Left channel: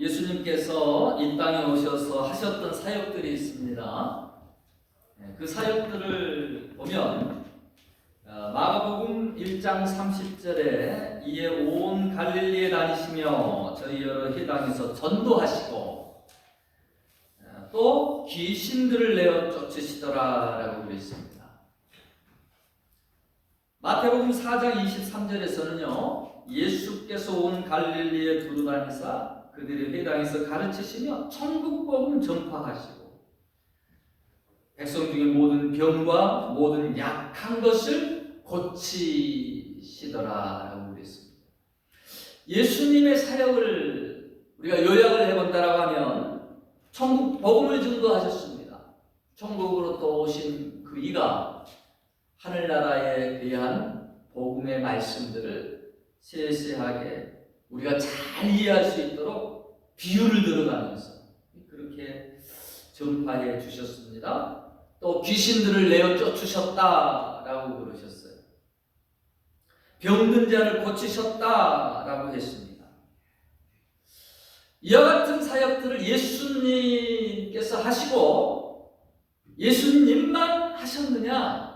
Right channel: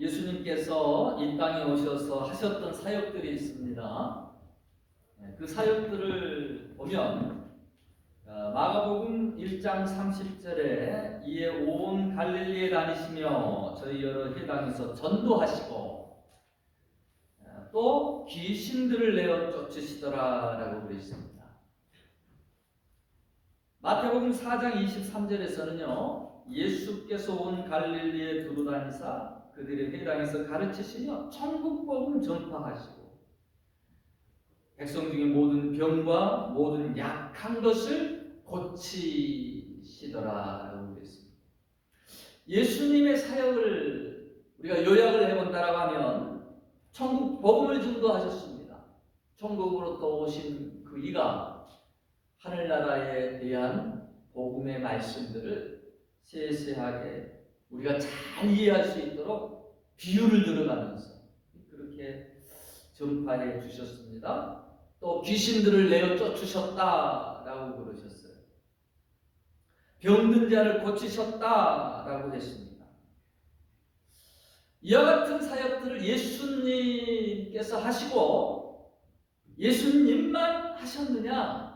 예수님께서 이 땅에 오셔서 하셨던 사역들이 있습니다. 그 사역들을 보면 마가복음 1장 30절에 이에 온 갈릴리에 다니시며 저희 여러 회당에서 전도하시고 또 귀신들을 내어 쫓으시더라라고 그랬습니다. 마태복음 4장 23절에서는요, 예수께서 온 갈릴리에 두루다니사 그들의 회당에서 가르치시며 천국복음 전파하시고 백성 중에 모든 병과 모든 약한 것을 고치시더라라고 그랬습니다. 예수님의 사역을 우리가 요약을 해본다라고 하면 천국 복음을 전도하셨습니다. 천국으로부터 오신 그 이가 하늘나라에 대한 복음의 말씀들을 세세하게 우리가 잘 이해할 수 있도록 비유를 들어가면서 그렇게 전파해 주셨습니다. 또 귀신들을 내어 쫓으셨다라고 그러셨어요. 병든 자를 고치셨다라고 했습니다. 이와 같은 사역들을 예수님께서 하시고 예수님만 하셨느냐?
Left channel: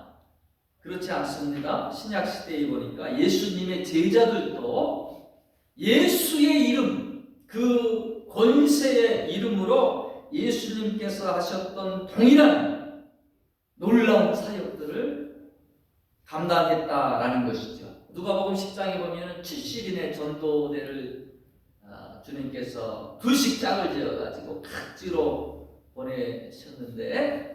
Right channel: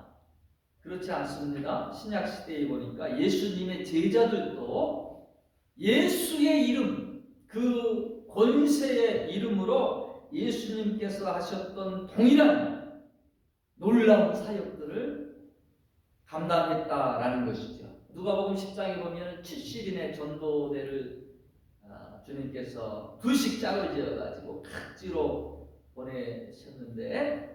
그렇지 않습니다. 신약시대에 보니까 예수님의 제자들도 예수의 이름, 그 권세의 이름으로 예수님께서 하셨던 동일한 놀라운 사역들을 감당했다라는 것이죠. 누가복음 10장에 보면 70인의 전도대를 주님께서 두식 짝을 지어가지고 각지로 보내셨는데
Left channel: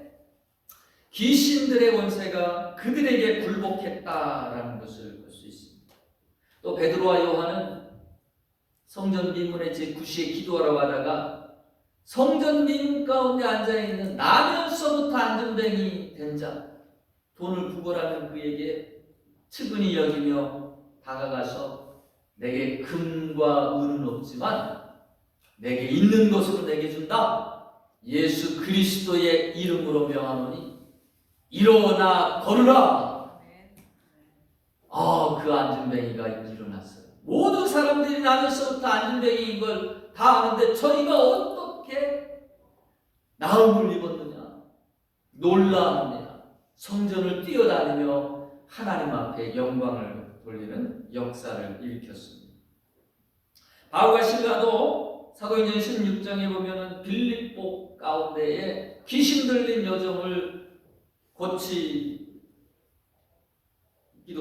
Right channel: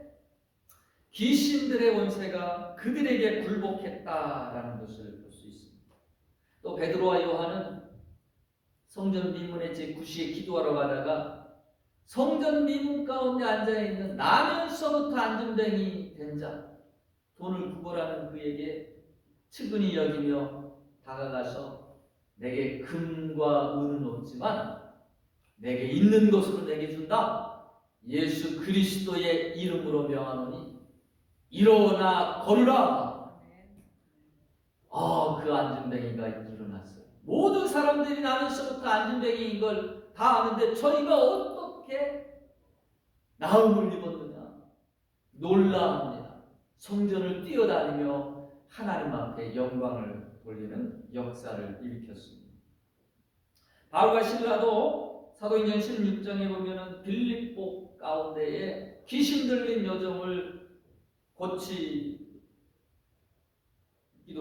귀신들의 권세가 그들에게 굴복했다라는 것을 볼 수 있습니다. 또 베드로와 요한은 성전 미문의 제9시에 기도하러 가다가 성전 미문 가운데 앉아있는 나면서부터 안전뱅이 된 자, 돈을 구걸하는 그에게 측은히 여기며 다가가서 내게 금과 은은 없지만 내게 있는 것으로 내게 준다. 예수 그리스도의 이름으로 명하노니 일어나 걸으라. 그 안전뱅이가 일어났어요. 모든 사람들이 나면서부터 안전뱅이인 걸 다 아는데 저희가 어떻게 나음을 입었느냐, 놀라느냐, 성전을 뛰어다니며 하나님 앞에 영광을 돌리는 역사를 일으켰습니다. 바울과 실라도 사도행전 16장에 보면 빌립보 가운데에 귀신 들린 여종을 고치기도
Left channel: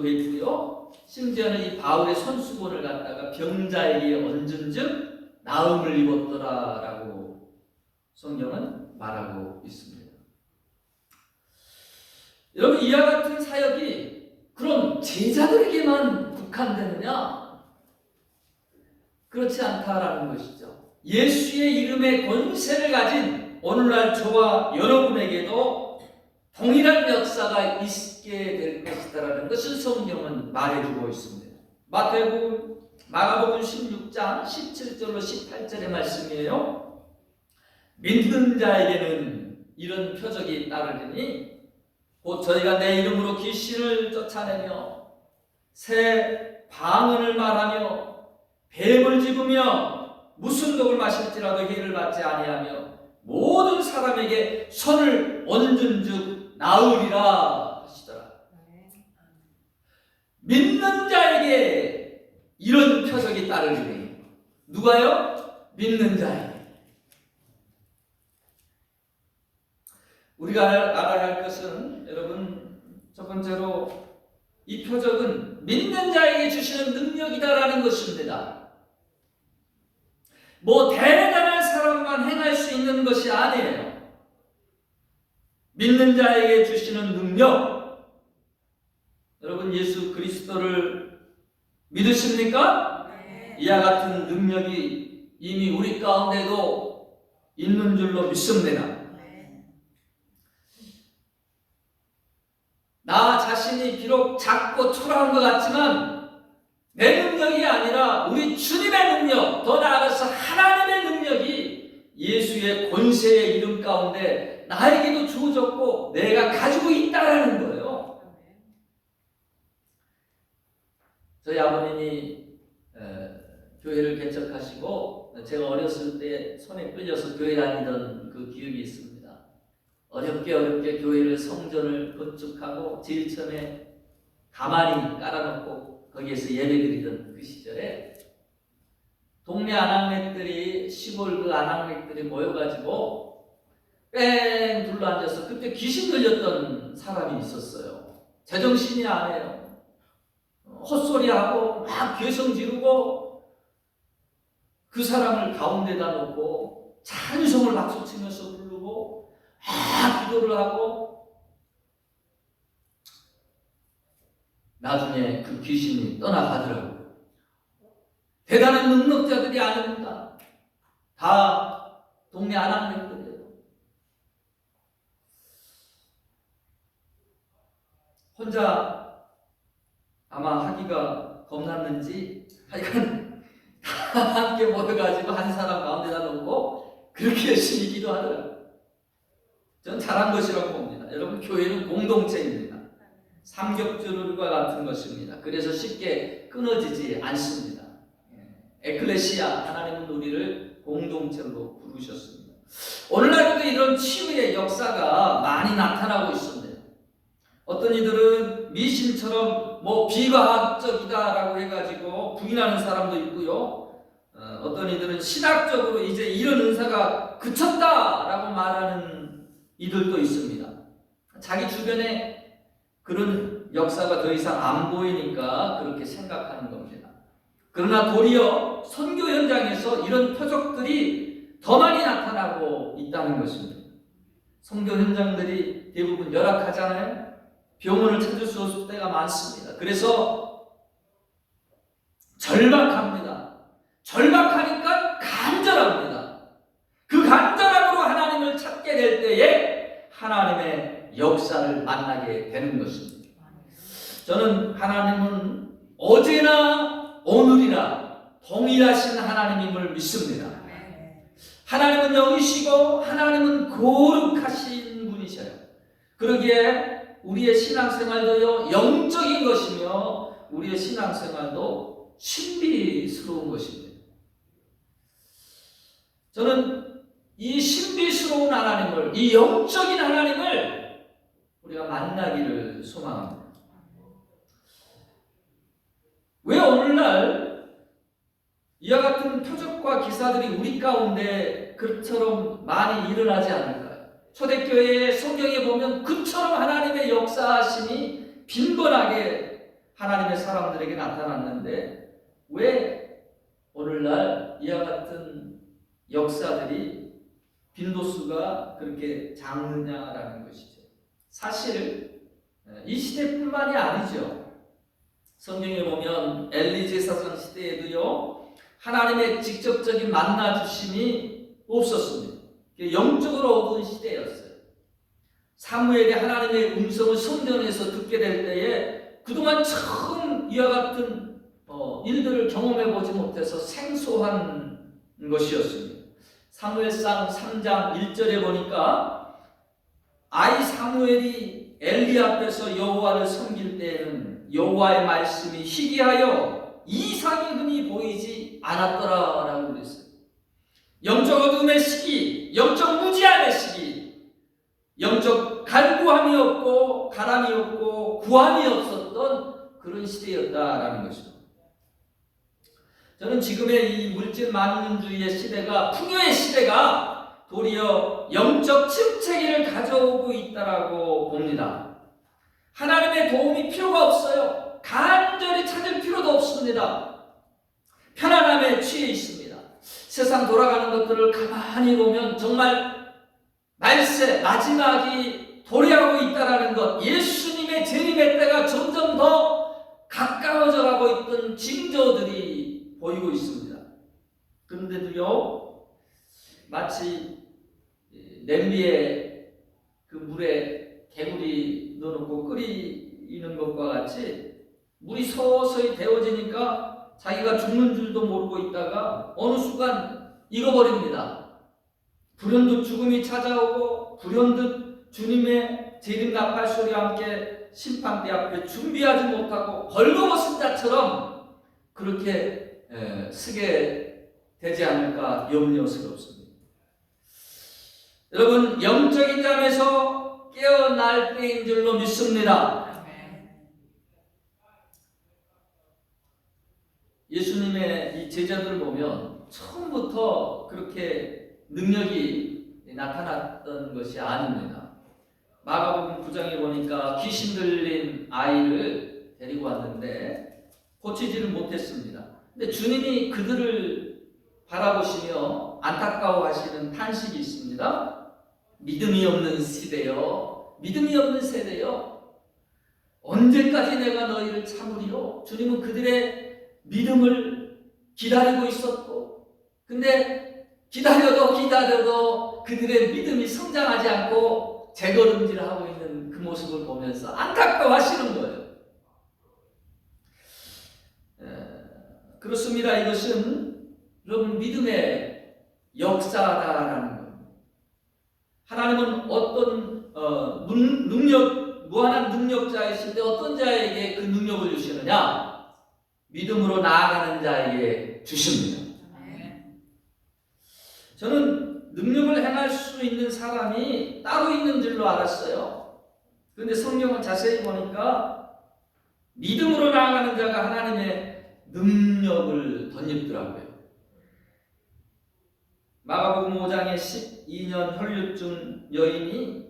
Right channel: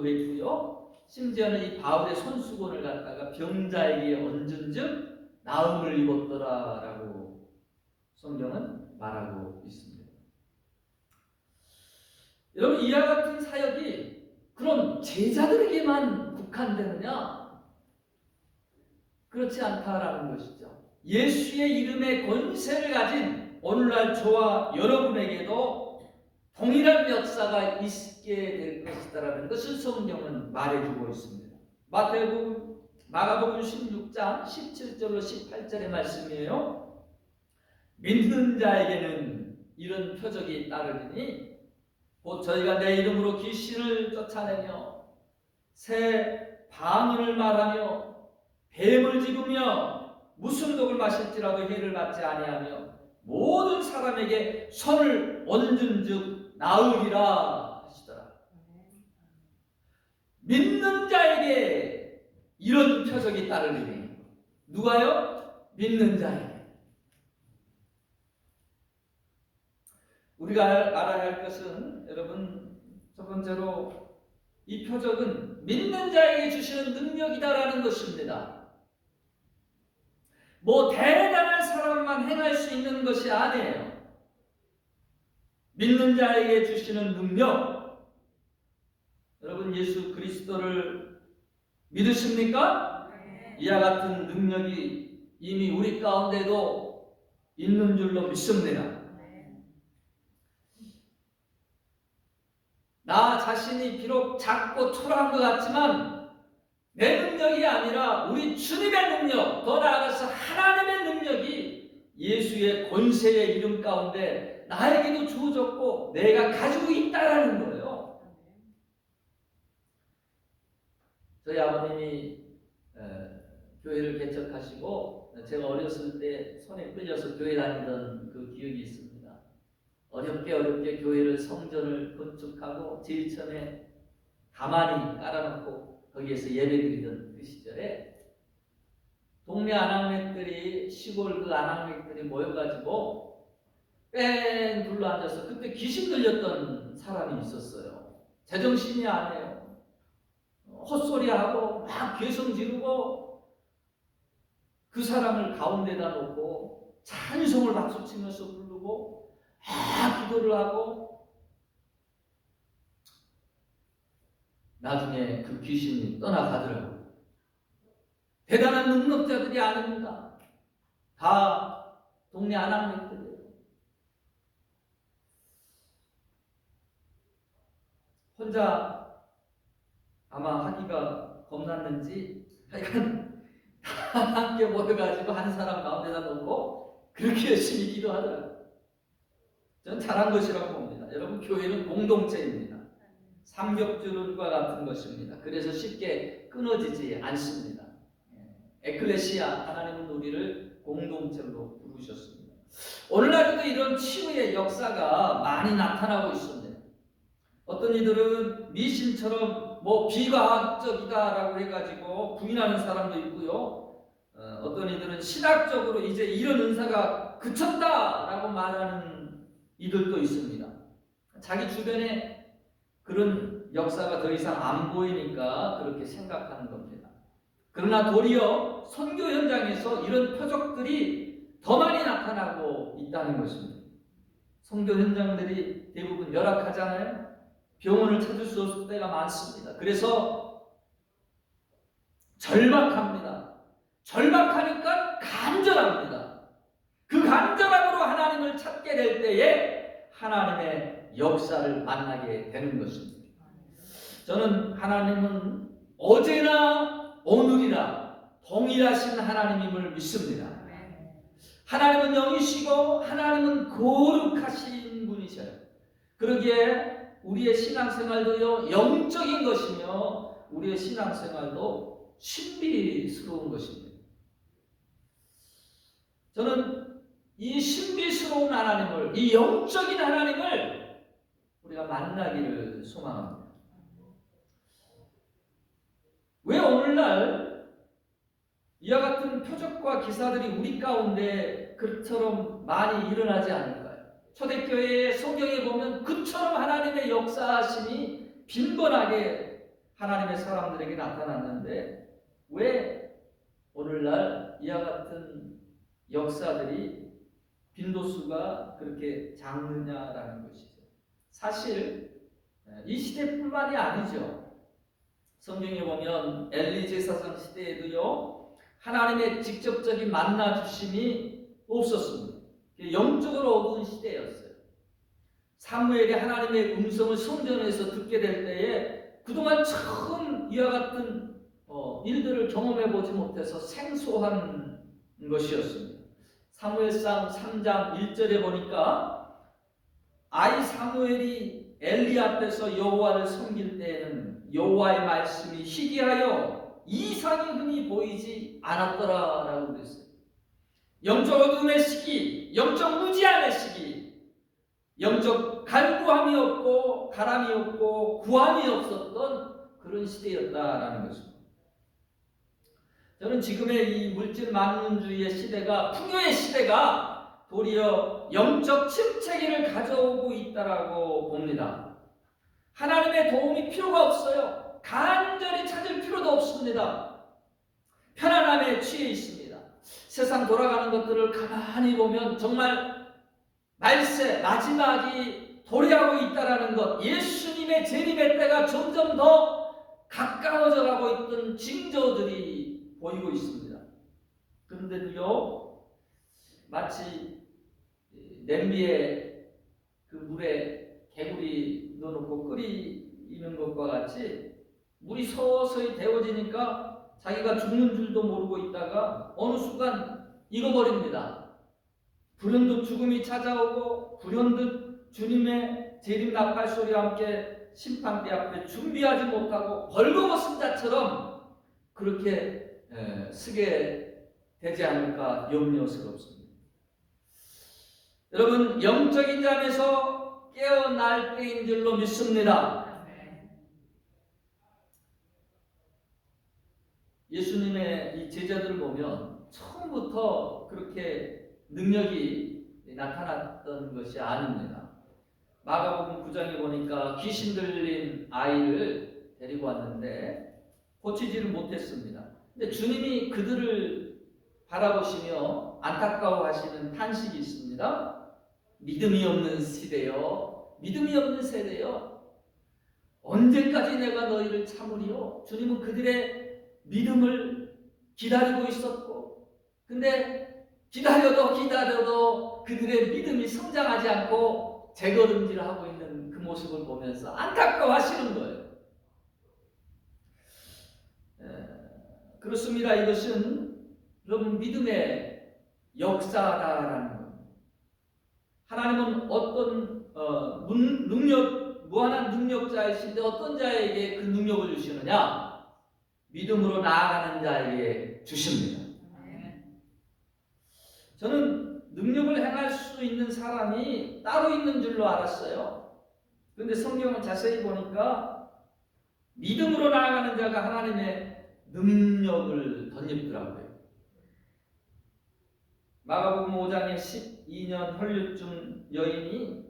했고요. 심지어는 이 바울의 손수건을 갖다가 병자에게 얹은즉 나음을 입었더라라고 성경은 말하고 있습니다. 여러분, 이와 같은 사역이 그런 제자들에게만 국한되느냐? 그렇지 않다라는 것이죠. 예수의 이름의 권세를 가진 오늘날 저와 여러분에게도 동일한 역사가 있게 될 것이다라는 것을 성경은 말해주고 있습니다. 마가복음 16장 17절로 18절의 말씀이에요. 믿는 자에게는 이런 표적이 따르리니 곧 저희가 내 이름으로 귀신을 쫓아내며 새 방언을 말하며 뱀을 집으며 무슨 독을 마실지라도 해를 받지 아니하며 모든 사람에게 손을 얹은즉 나으리라 하시더라. 믿는 자에게 이런 표적이 따르리니 누가요? 믿는 자에게. 우리가 알아야 할 것은 여러분, 첫 번째로 이 표적은 믿는 자에게 주시는 능력이다라는 것입니다. 뭐 대단한 사람만 행할 수 있는 것이 아니에요. 믿는 자에게 주시는 능력. 여러분, 예수 그리스도를 믿으십니까? 네. 이와 같은 능력이 이미 우리 가운데도 있는 줄로 믿습니다. 네. 나 자신이 비록 작고 초라한 것 같지만 내 능력이 아니라 우리 주님의 능력, 더 나아가서 하나님의 능력이 예수의 권세의 이름 가운데 나에게도 주어졌고 내가 가지고 있다라는 거예요. 저희 아버님이 교회를 개척하시고 제가 어렸을 때 손에 끌려서 교회 다니던 그 기억이 있습니다. 어렵게 교회를 성전을 건축하고 제일 처음에 가만히 깔아놓고 거기에서 예배드리던 그 시절에 동네 아낙네들이 시골 그 아낙네들이 모여가지고 뺑 둘러앉아서 그때 귀신 들렸던 사람이 있었어요. 제정신이 아니에요. 헛소리하고 막 괴성 지르고 그 사람을 가운데다 놓고 찬송을 박수치면서 부르고 막 기도를 하고 나중에 그 귀신이 떠나가더라고요. 대단한 능력자들이 아닙니다. 다 동네 아낙네들이에요. 혼자 아마 하기가 겁났는지 하여간 다 함께 모여가지고 한 사람 가운데다 놓고 그렇게 열심히 기도하더라고요. 저는 잘한 것이라고 봅니다. 여러분, 교회는 공동체입니다. 삼겹줄과 같은 것입니다. 그래서 쉽게 끊어지지 않습니다. 에클레시아, 하나님은 우리를 공동체로 부르셨습니다. 오늘날도 이런 치유의 역사가 많이 나타나고 있습니다. 어떤 이들은 미신처럼 비과학적이다라고 해가지고 부인하는 사람도 있고요. 어떤 이들은 신학적으로 이제 이런 은사가 그쳤다라고 말하는 이들도 있습니다. 자기 주변에 그런 역사가 더 이상 안 보이니까 그렇게 생각하는 겁니다. 그러나 도리어 선교 현장에서 이런 표적들이 더 많이 나타나고 있다는 것입니다. 선교 현장들이 대부분 열악하잖아요. 병원을 찾을 수 없을 때가 많습니다. 그래서 절박합니다. 절박하니까 간절합니다. 그 간절함으로 하나님을 찾게 될 때에 하나님의 역사를 만나게 되는 것입니다. 저는 하나님은 어제나 오늘이나 동일하신 하나님임을 믿습니다. 하나님은 영이시고 하나님은 거룩하신 분이셔요. 그러기에 우리의 신앙생활도요 영적인 것이며 우리의 신앙생활도 신비스러운 것입니다. 저는 이 신비스러운 하나님을, 이 영적인 하나님을 우리가 만나기를 소망합니다. 왜 오늘날 이와 같은 표적과 기사들이 우리 가운데 그처럼 많이 일어나지 않을까요? 초대교회의 성경에 보면 그처럼 하나님의 역사하심이 빈번하게 하나님의 사람들에게 나타났는데 왜 오늘날 이와 같은 역사들이 빈도수가 그렇게 작느냐라는 것이죠. 사실 이 시대뿐만이 아니죠. 성경에 보면 엘리 제사장 시대에도요 하나님의 직접적인 만나주심이 없었습니다. 영적으로 어두운 시대였어요. 사무엘이 하나님의 음성을 성전에서 듣게 될 때에 그동안 처음 이와 같은 일들을 경험해 보지 못해서 생소한 것이었습니다. 사무엘상 3장 1절에 보니까 아이 사무엘이 엘리 앞에서 여호와를 섬길 때에는 여호와의 말씀이 희귀하여 이상이 흔히 보이지 않았더라라고 그랬어요. 영적 어둠의 시기, 영적 무지함의 시기, 영적 간구함이 없고 가람이 없고 구함이 없었던 그런 시대였다라는 것입니다. 저는 지금의 이 물질 만능주의의 시대가, 풍요의 시대가 도리어 영적 침체기를 가져오고 있다라고 봅니다. 하나님의 도움이 필요가 없어요. 간절히 찾을 필요도 없습니다. 편안함에 취해 있습니다. 세상 돌아가는 것들을 가만히 보면 정말 말세, 마지막이 도래하고 있다는 것, 예수님의 재림의 때가 점점 더 가까워져 가고 있던 징조들이 보이고 있습니다. 그런데도요, 마치 냄비에 그 물에 개구리 넣어놓고 끓이는 것과 같이 물이 서서히 데워지니까 자기가 죽는 줄도 모르고 있다가 어느 순간 익어버립니다. 불현듯 죽음이 찾아오고 불현듯 주님의 재림 나팔 소리와 함께 심판대 앞에 준비하지 못하고 벌거벗은 자처럼 그렇게 쓰게 되지 않을까 염려스럽습니다. 여러분, 영적인 잠에서 깨어날 때인 줄로 믿습니다. 예수님의 이 제자들을 보면 처음부터 그렇게 능력이 나타났던 것이 아닙니다. 마가복음 9장에 보니까 귀신 들린 아이를 데리고 왔는데 고치지를 못했습니다. 근데 주님이 그들을 바라보시며 안타까워하시는 탄식이 있습니다. 믿음이 없는 시대요, 믿음이 없는 세대요, 언제까지 내가 너희를 참으리요? 주님은 그들의 믿음을 기다리고 있었고, 근데 기다려도 그들의 믿음이 성장하지 않고 재걸음질하고 있는 그 모습을 보면서 안타까워하시는 거예요. 그렇습니다. 이것은 여러분 믿음의 역사다라는 겁니다. 하나님은 어떤 무한한 능력자이신데 어떤 자에게 그 능력을 주시느냐? 믿음으로 나아가는 자에게 주십니다. 저는 능력을 행할 수 있는 사람이 따로 있는 줄로 알았어요. 그런데 성경을 자세히 보니까 믿음으로 나아가는 자가 하나님의 능력을 덧입더라고요. 마가복음 5장에 12년 혈류증 여인이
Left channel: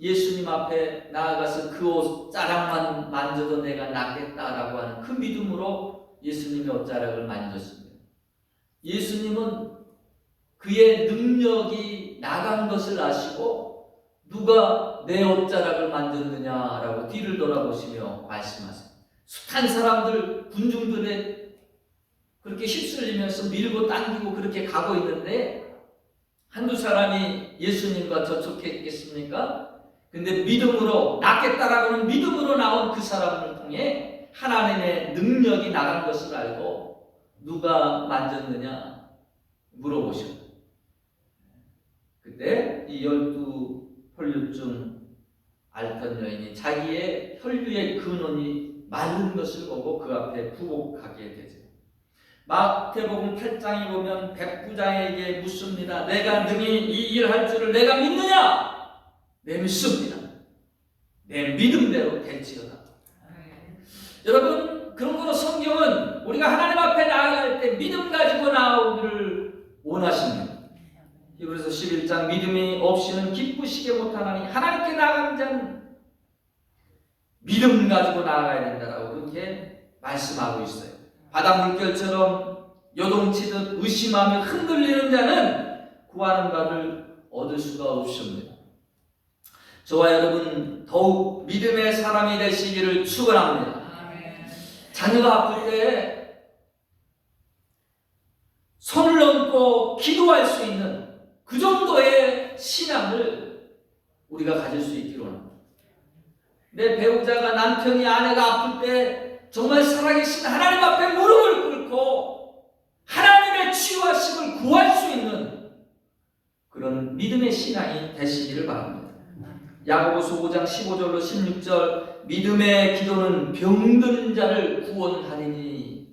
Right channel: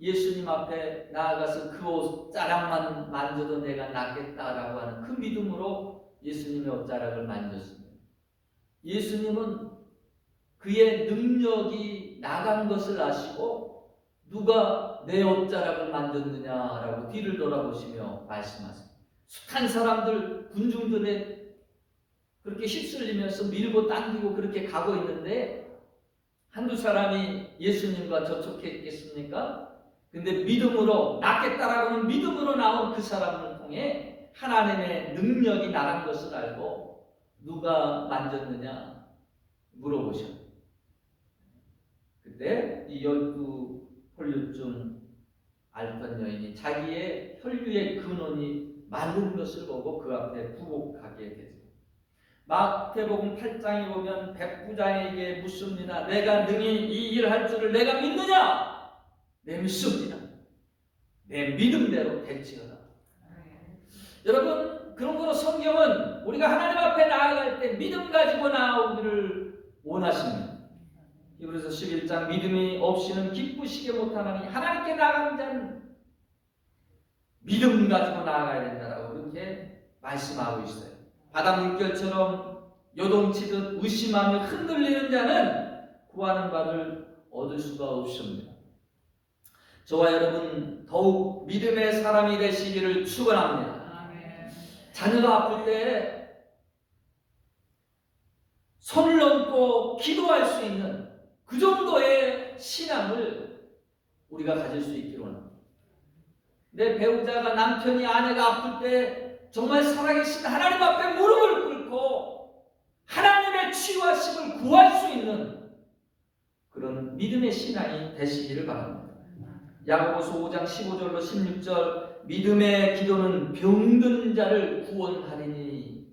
예수님 앞에 나아가서 그 옷 자락만 만져도 내가 낫겠다라고 하는 그 믿음으로 예수님의 옷자락을 만졌습니다. 예수님은 그의 능력이 나간 것을 아시고 누가 내 옷자락을 만졌느냐라고 뒤를 돌아보시며 말씀하십니다. 숱한 사람들, 군중들에 그렇게 휩쓸리면서 밀고 당기고 그렇게 가고 있는데 한두 사람이 예수님과 접촉했겠습니까? 근데 믿음으로 낫겠다라고는 믿음으로 나온 그 사람을 통해 하나님의 능력이 나간 것을 알고 누가 만졌느냐 물어보시고, 그때 이 12혈류증 앓던 여인이 자기의 혈류의 근원이 마른 것을 보고 그 앞에 부복하게 되죠. 마태복음 8장에 보면 백부장에게 묻습니다. 내가 능히 이 일 할 줄을 내가 믿느냐? 내 믿습니다. 내 믿음대로 될지어다. 여러분, 그런 거로 성경은 우리가 하나님 앞에 나아갈 때 믿음 가지고 나오기를 원하십니다. 히브리서 11장 믿음이 없이는 기쁘시게 못하나니 하나님께 나아가는 자는 믿음 가지고 나아가야 된다라고 그렇게 말씀하고 있어요. 바다 물결처럼 요동치듯 의심하며 흔들리는 자는 구하는 바를 얻을 수가 없습니다. 저와 여러분 더욱 믿음의 사람이 되시기를 축원합니다. 자녀가 아플 때 손을 얹고 기도할 수 있는 그 정도의 신앙을 우리가 가질 수 있기를 원합니다. 내 배우자가, 남편이, 아내가 아플 때 정말 살아계신 하나님 앞에 무릎을 꿇고 하나님의 치유하심을 구할 수 있는 그런 믿음의 신앙이 되시기를 바랍니다. 야고보서 5장 15절로 16절 믿음의 기도는 병든 자를 구원하리니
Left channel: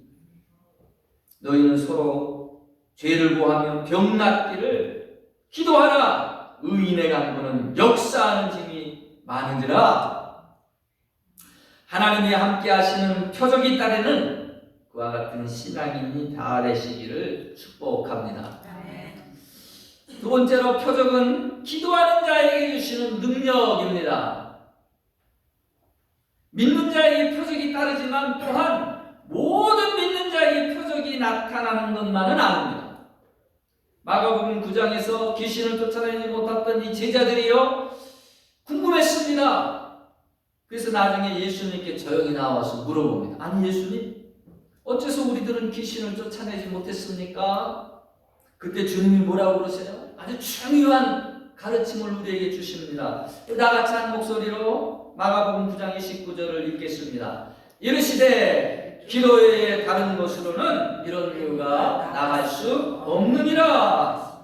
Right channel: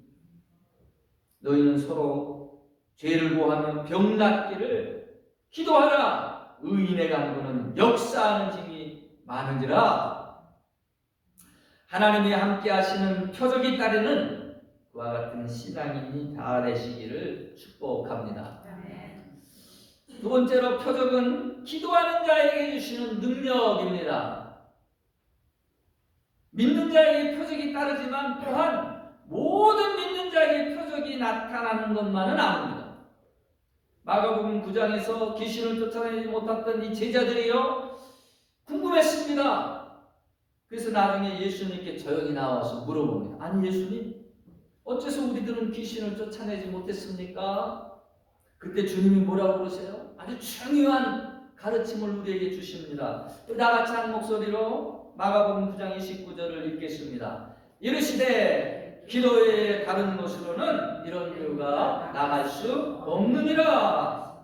너희는 서로 죄를 고하며 병 낫기를 기도하라. 의인의 간구는 역사하는 힘이 많은지라. 하나님이 함께 하시는 표적이 따르는 그와 같은 신앙인이 다 되시기를 축복합니다. 두 번째로 표적은 기도하는 자에게 주시는 능력입니다. 믿는 자에게 표적이 따르지만 또한 모든 믿는 자에게 표적이 나타나는 것만은 아닙니다. 마가복음 9장에서 귀신을 쫓아내지 못했던 이 제자들이요 궁금했습니다. 그래서 나중에 예수님께 조용히 나와서 물어봅니다. 아니 예수님, 어째서 우리들은 귀신을 쫓아내지 못했습니까? 그때 주님이 뭐라고 그러세요? 아주 중요한 가르침을 우리에게 주십니다. 나같이 한 목소리로 마가복음 9장 29절을 읽겠습니다. 이르시되 기도에 다른 것으로는 이런 이유가 나갈 수 없느니라.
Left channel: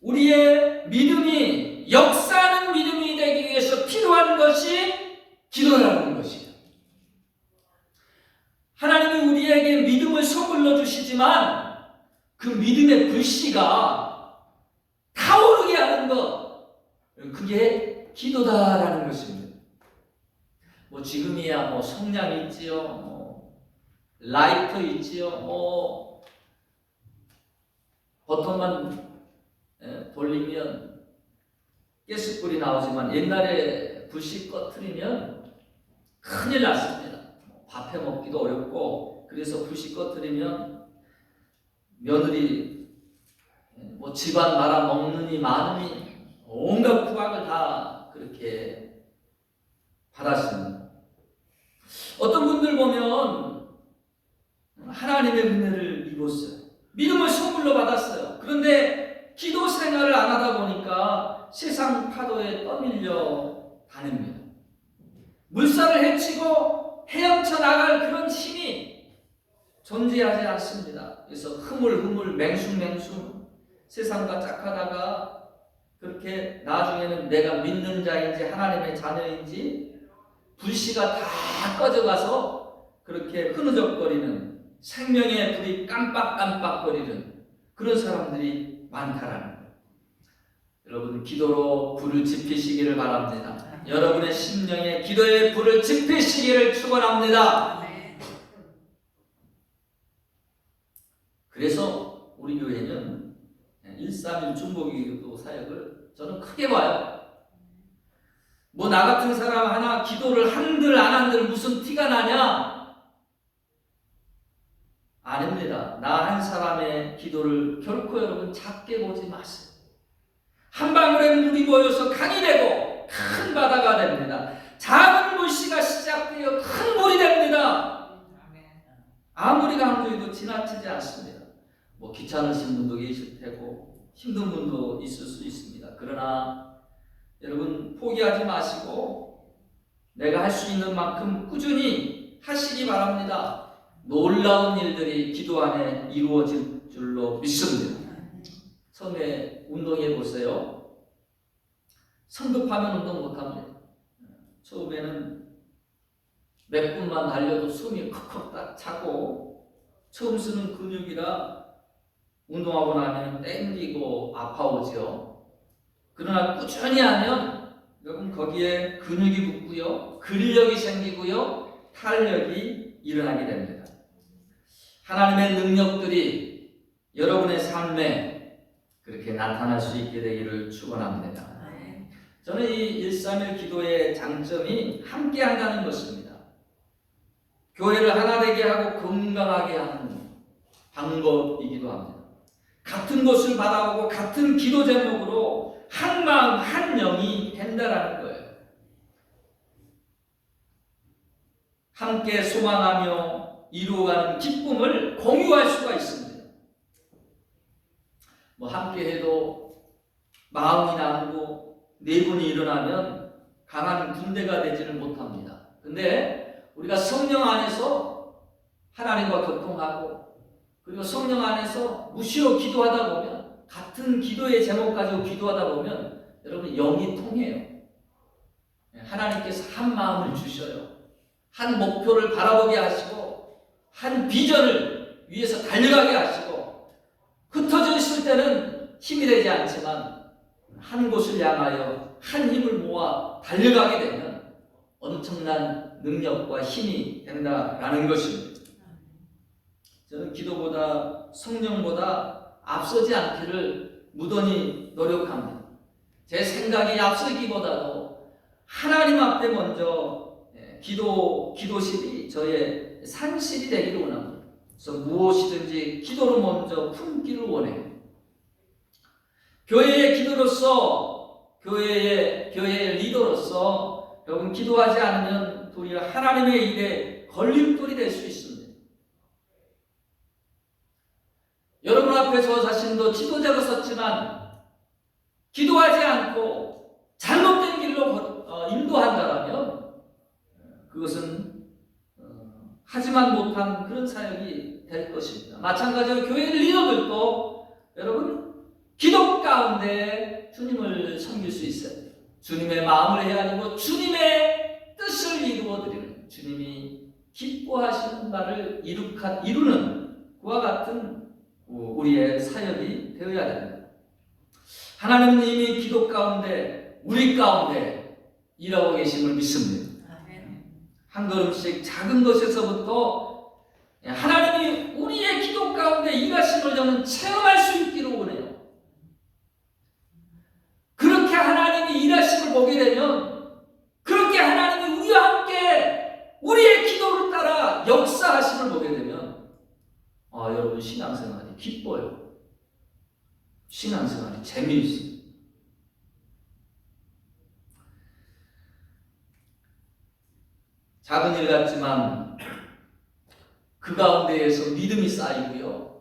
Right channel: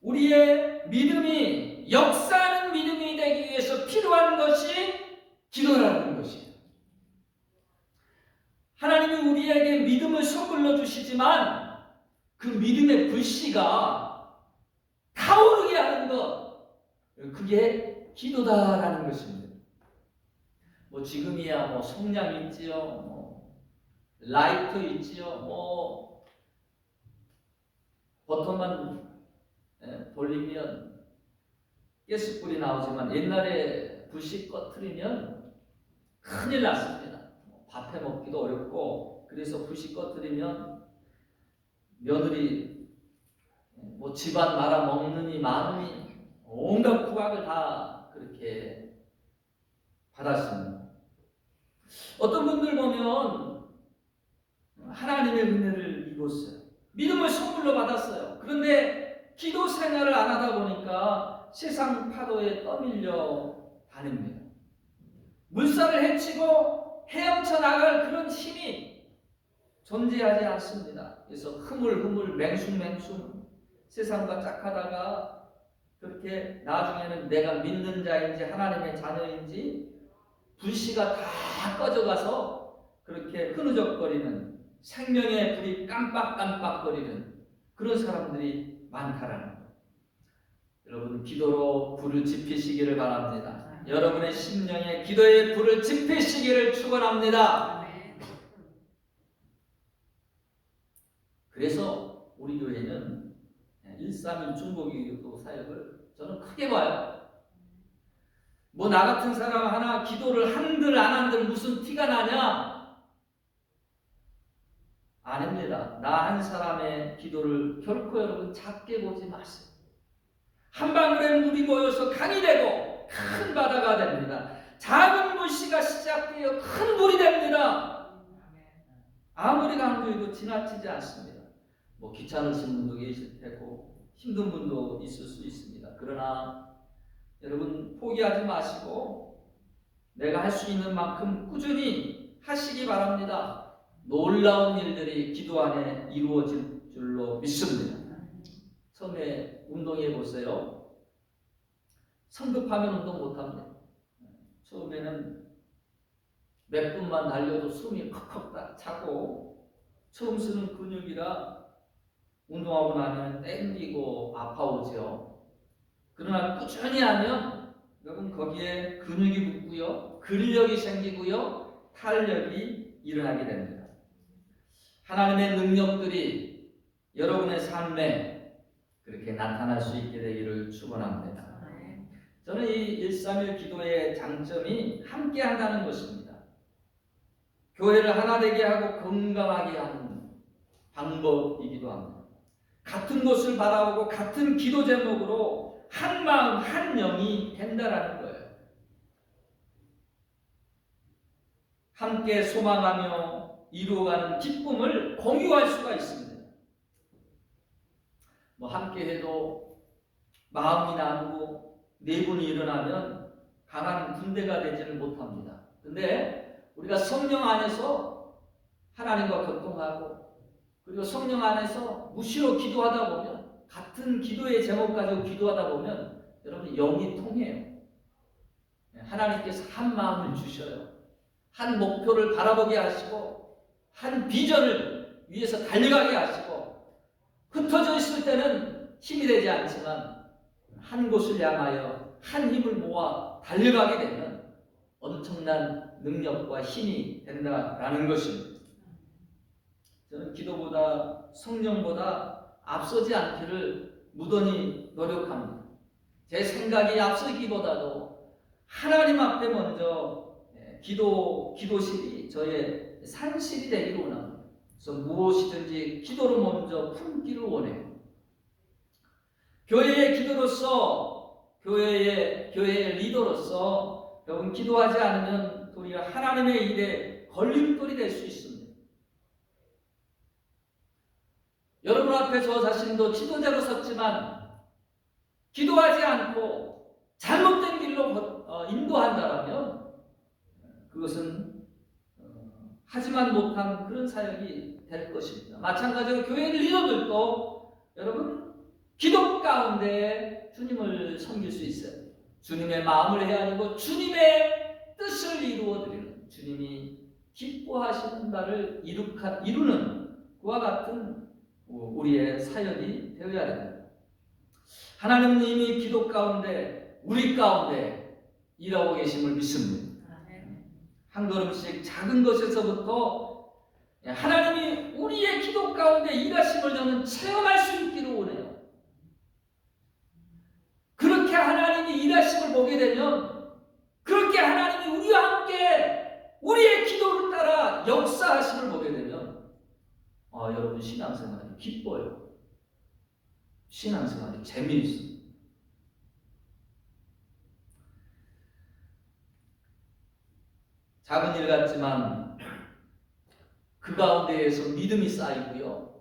우리의 믿음이 역사하는 믿음이 되기 위해서 필요한 것이 기도라는 것이에요. 하나님이 우리에게 믿음을 선물로 주시지만 그 믿음의 불씨가 타오르게 하는 것, 그게 기도다라는 것입니다. 뭐 지금이야 뭐 성냥 있지요, 뭐 라이터 있지요, 뭐 버튼만 돌리면 가스불이 나오지만 옛날에 불씨 꺼트리면 큰일 났습니다. 밥 해 먹기도 어렵고, 그래서 불씨 꺼트리면 며느리 뭐 집안 말아 먹느니 마느니 온갖 구박을 다 그렇게 받았습니다. 어떤 분들 보면 하나님의 은혜를 입었어요. 믿음을 선물로 받았어요. 그런데 기도 생활을 안 하다 보니까 세상 파도에 떠밀려 다닙니다. 물살을 헤치고 헤엄쳐 나갈 그런 힘이 존재하지 않습니다. 그래서 흐물흐물 맹숭맹숭 세상과 짝하다가 그렇게 나중에는 내가 믿는 자인지 하나님의 자녀인지 불씨가 다 꺼져가서 그렇게 흐느적거리는, 생명의 불이 깜빡깜빡거리는 그런 사람들이 많다라는 거예요. 여러분, 기도로 불을 지피시기를 바랍니다. 여러분의 심령에 기도의 불을 지피시기를 축원합니다. 그래서 우리 교회는 131 중보기도 사역을 저는 크게 봐요. 뭐 나 같은 사람 하나 기도를 한들 안 한들 무슨 티가 나냐? 아닙니다. 나 한 사람의 기도를 결코 여러분 작게 보지 마세요. 한 방울의 물이 모여서 강이 되고 큰 바다가 됩니다. 작은 물씨가 시작되어 큰 물이 됩니다. 아무리 강조해도 지나치지 않습니다. 뭐 귀찮으신 분도 계실 테고 힘든 분도 있을 수 있습니다. 그러나 여러분 포기하지 마시고 내가 할 수 있는 만큼 꾸준히 하시기 바랍니다. 놀라운 일들이 기도 안에 이루어질 줄로 믿습니다. 처음에 운동해 보세요. 성급하면 운동 못합니다. 처음에는 몇 분만 달려도 숨이 컥컥 차고 처음 쓰는 근육이라 운동하고 나면 땡기고 아파오죠. 그러나 꾸준히 하면 여러분 거기에 근육이 붙고요, 근력이 생기고요, 탄력이 일어나게 됩니다. 하나님의 능력들이 여러분의 삶에 그렇게 나타날 수 있게 되기를 축원합니다. 저는 이 131 기도의 장점이 함께 한다는 것입니다. 교회를 하나 되게 하고 건강하게 하는 방법이기도 합니다. 같은 것을 바라보고 같은 기도 제목으로 한 마음 한 영이 된다라는 거예요. 함께 소망하며 이루어가는 기쁨을 공유할 수가 있습니다. 뭐 함께 해도 마음이 나누고 네 분이 일어나면 강한 군대가 되지는 못합니다. 근데 우리가 성령 안에서 하나님과 교통하고 그리고 성령 안에서 무시로 기도하다 보면 같은 기도의 제목 가지고 기도하다 보면 여러분 영이 통해요. 하나님께서 한 마음을 주셔요. 한 목표를 바라보게 하시고 한 비전을 위해서 달려가게 하시고 흩어져 있을 때는 힘이 되지 않지만 한 곳을 향하여 한 힘을 모아 달려가게 되면 엄청난 능력과 힘이 된다라는 것입니다. 저는 기도보다 성령보다 앞서지 않기를 무던히 노력합니다. 제 생각이 앞서기보다도 하나님 앞에 먼저 기도실이 저의 산실이 되기를 원합니다. 그래서 무엇이든지 기도로 먼저 품기를 원해요. 교회의 기도로서, 교회의 리더로서 여러분 기도하지 않으면 도리어 하나님의 일에 걸림돌이 될 수 있습니다. 여러분 앞에 저 자신도 지도자로 섰지만 기도하지 않고 잘못된 길로 인도한다라면 그것은 하지만 못한 그런 사역이 될 것입니다. 마찬가지로 교회 리더들도 여러분 기도 가운데 주님을 섬길 수 있어요. 주님의 마음을 헤아리고 주님의 뜻을 이루어드리는, 주님이 기뻐 기뻐하시는 바를 이루는 그와 같은 우리의 사역이 되어야 됩니다. 하나님님이 기도 가운데 우리 가운데 일하고 계심을 믿습니다. 한 걸음씩 작은 것에서부터 하나님이 우리의 기도 가운데 일하심을 저는 체험할 수 있기를 원해요. 그렇게 하나님이 일하심을 보게 되면, 그렇게 하나님이 우리와 함께 우리의 기도를 따라 역사하심을 보게 되면, 여러분 신앙생활이 기뻐요. 신앙생활이 재미있어요. 작은 일 같지만 그 가운데에서 믿음이 쌓이고요.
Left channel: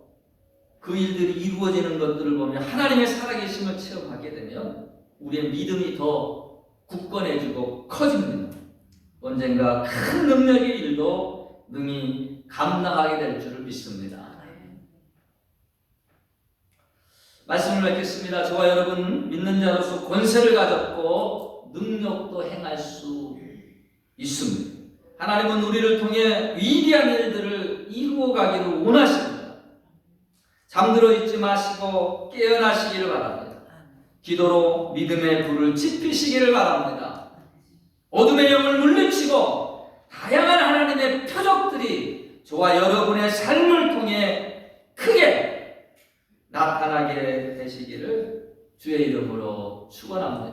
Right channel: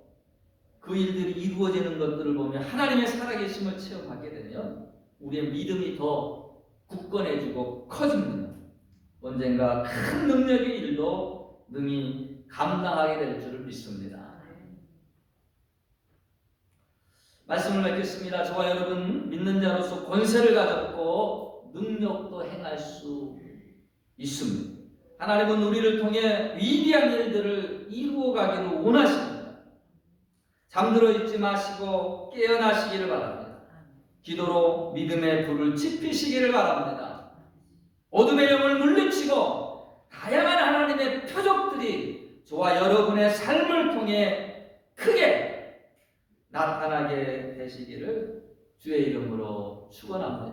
그 일들이 이루어지는 것들을 보면 하나님의 살아계심을 체험하게 되면 우리의 믿음이 더 굳건해지고 커집니다. 언젠가 큰 능력의 일도 능히 감당하게 될 줄을 믿습니다. 말씀을 맺겠습니다. 저와 여러분 믿는 자로서 권세를 가졌고 능력도 행할 수 있습니다. 하나님은 우리를 통해 위대한 일들을 이루어 가기를 원하십니다. 잠들어 있지 마시고 깨어나시기를 바랍니다. 기도로 믿음의 불을 지피시기를 바랍니다. 어둠의 영을 물리치고 다양한 하나님의 표적들이 저와 여러분의 삶을 통해 크게 나타나게 되시기를 주의 이름으로 축원합니다.